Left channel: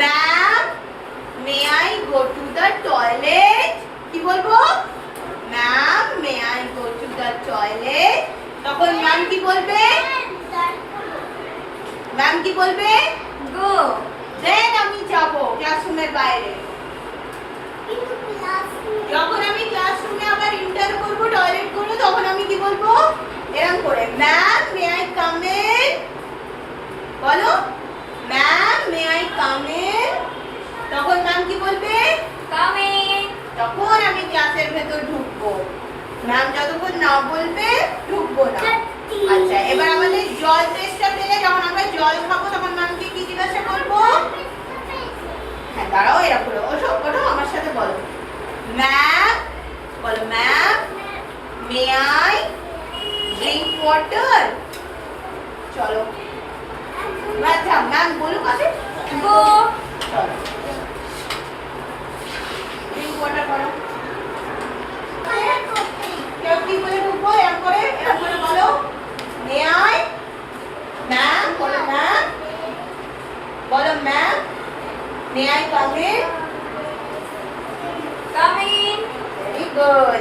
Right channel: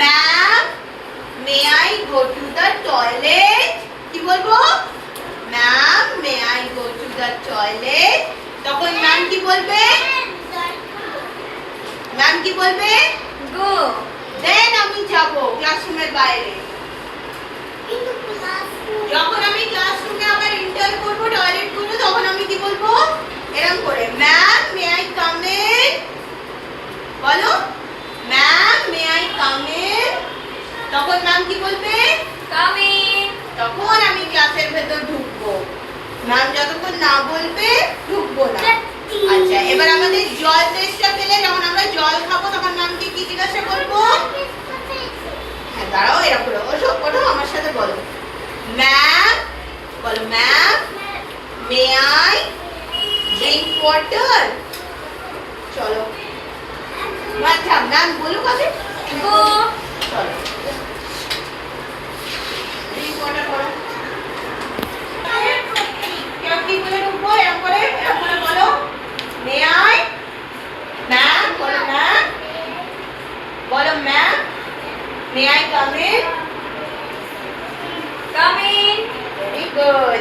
Ma'am may I go to the toilet. কি বলবো? Ma'am may I go to the toilet. তখন ma'am কি বলবে? ম্যাম কি বলবে? গো। দেন আমি যাব ক্লাসরুমের বাইরে। যখন আমি ক্লাসরুমে আবার এন্টার করব, টয়লেট করব, তখন আমি কি বলবো? এরকম করে, ma'am may I come in. বলো, ma'am may I come in. তখন ম্যাম কি বলবে? Come in. তখন আমি ক্লাসের ভেতর ঢুকবো। ম্যাম যতক্ষণ না বলবে ঢুকবো না। আচ্ছা, এবার আমাদের জল তেষ্টা পেলে, যখন আমরা জল খাবো, তখন ম্যামকে কি জিজ্ঞাসা করবো? হ্যাঁ, দাঁড়াও, এরকম করে ওঠো, আমার সাথে বলো, ম্যাম। বলো, ma'am may I drink water. চলো, আচ্ছা ম্যাম বলুক আগে। গো। চলো, ড্রিঙ্ক ওয়াটার করো। কেউ কি বলে ঢুকবো? এরকম করে বলো, মে আই। ম্যাম বলো, ম্যাম বলো, ma'am may I come in. Come in. Very good.